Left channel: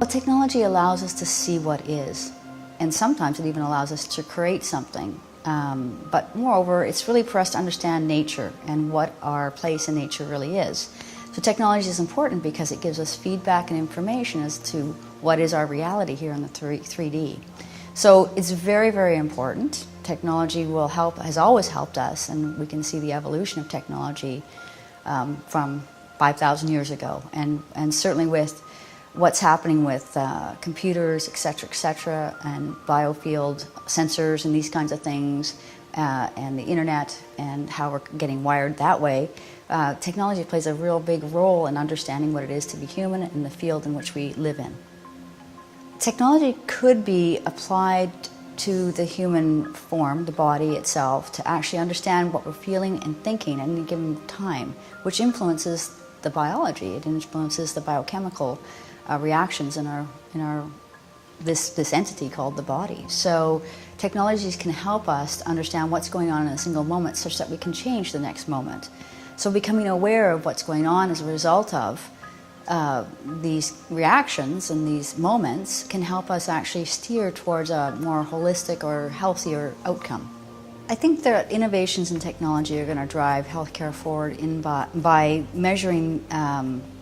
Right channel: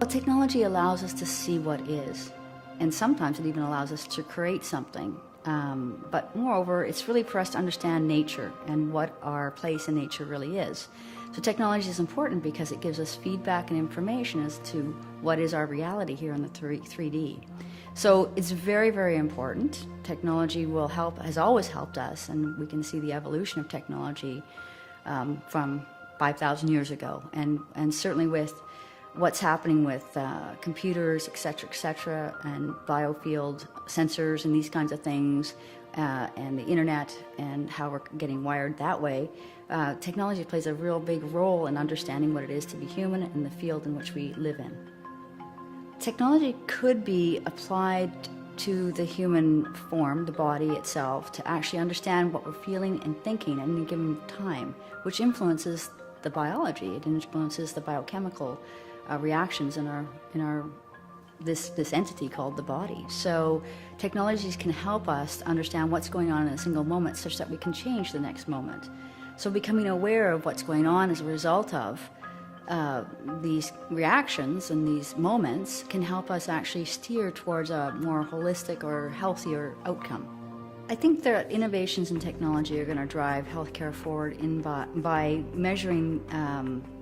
Well, technology allows us to see what is, and sometimes it even allows us to create something. But moreover, it's really for us to understand nature and what our place in nature really is. So technology is important because it gives us feedback and information as to what is our reality here in the 3D. So it's very, very important. Technology will help, has always helped us, and we can see the evolution of technology from 5,000 years ago, and certainly with what's happening with computers, et cetera, and biofield sensors and these kinds of things, and the internet and how we're getting wired that way. Technology plays a real big role in understanding what it is to be human in the field in which we live in. Technology could be applied to the human form, the body itself, to actually understand what we're feeling and thinking at any given time, which influences the biology. It influences the biochemical reactions in this entity called the body. So technologies can help us to understand what's going on in a single moment such that we can change the next moment. So becoming aware of what's going on as a result of these reactions and these moments can help us actually steer towards a more holistic or healthier outcome. I think that innovations in technology are going to drive healthcare forward by measuring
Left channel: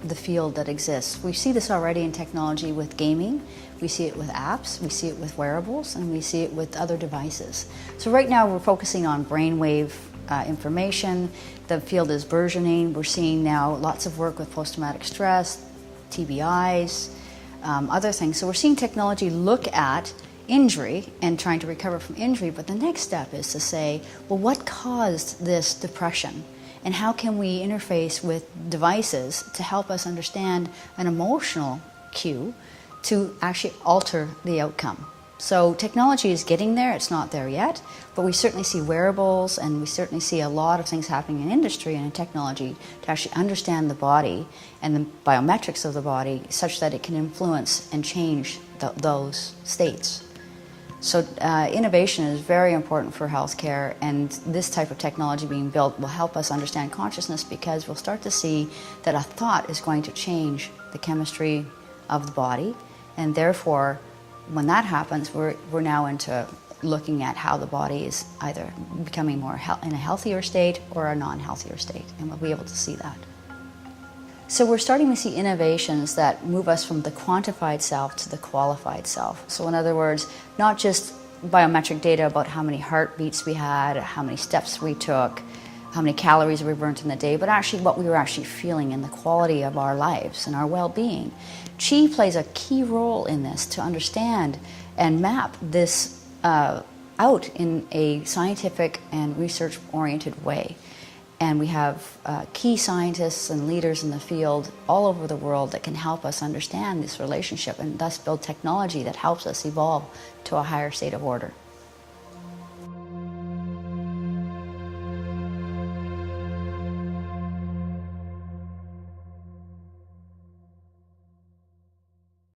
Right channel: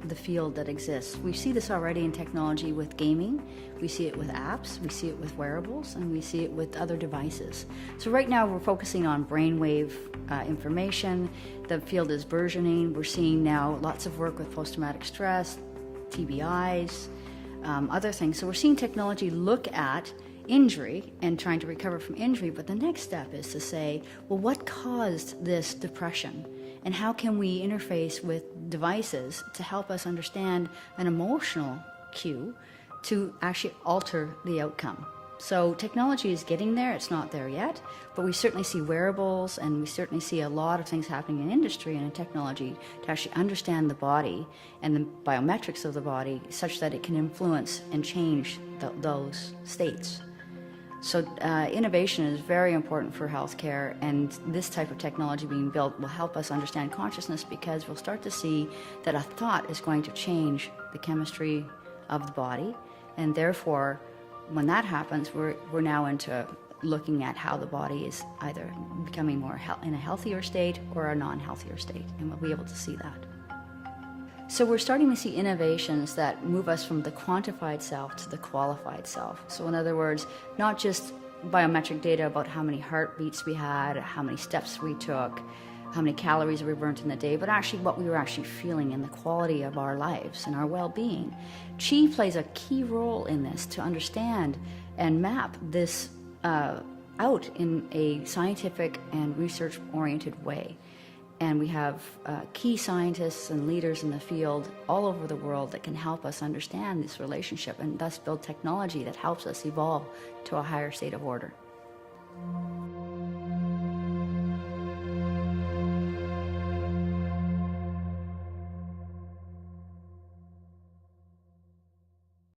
the field that exists. We see this already in technology with gaming, we see it with apps, we see it with wearables, and we see it with other devices. So right now we're focusing on brainwave information. The field is burgeoning. We're seeing now lots of work with post-traumatic stress, TBIs, other things. So we're seeing technology look at injury and trying to recover from injury, but the next step is to say, well, what caused this depression? And how can we interface with devices to help us understand an emotional cue to actually alter the outcome? So technology is getting there. It's not there yet, but we certainly see wearables, and we certainly see a lot of things happening in industry and in technology to actually understand the body and the biometrics of the body such that it can influence and change those states. So innovation is very important for healthcare, and this type of technology being built will help us understand consciousness, because we'll start to see that a thought is going to change the chemistry of the body, and therefore when that happens, we're now into looking at how the body is either becoming more in a healthier state or a non-healthier state, and we'll be able to see that. So we're starting to see innovations that move us from the quantified self to the qualified self. So in other words, not just biometric data about how many heartbeats we had, how many steps we took, how many calories we burnt in the day, but actually what we were actually feeling and the quality of our lives and our well-being. Qi plays a key role in this to understand and map this out in a scientific and research-oriented way. And we have key scientists and leaders in the field all over the world that can help us understand this relationship and thus build technology that helps us evolve to a higher state of order.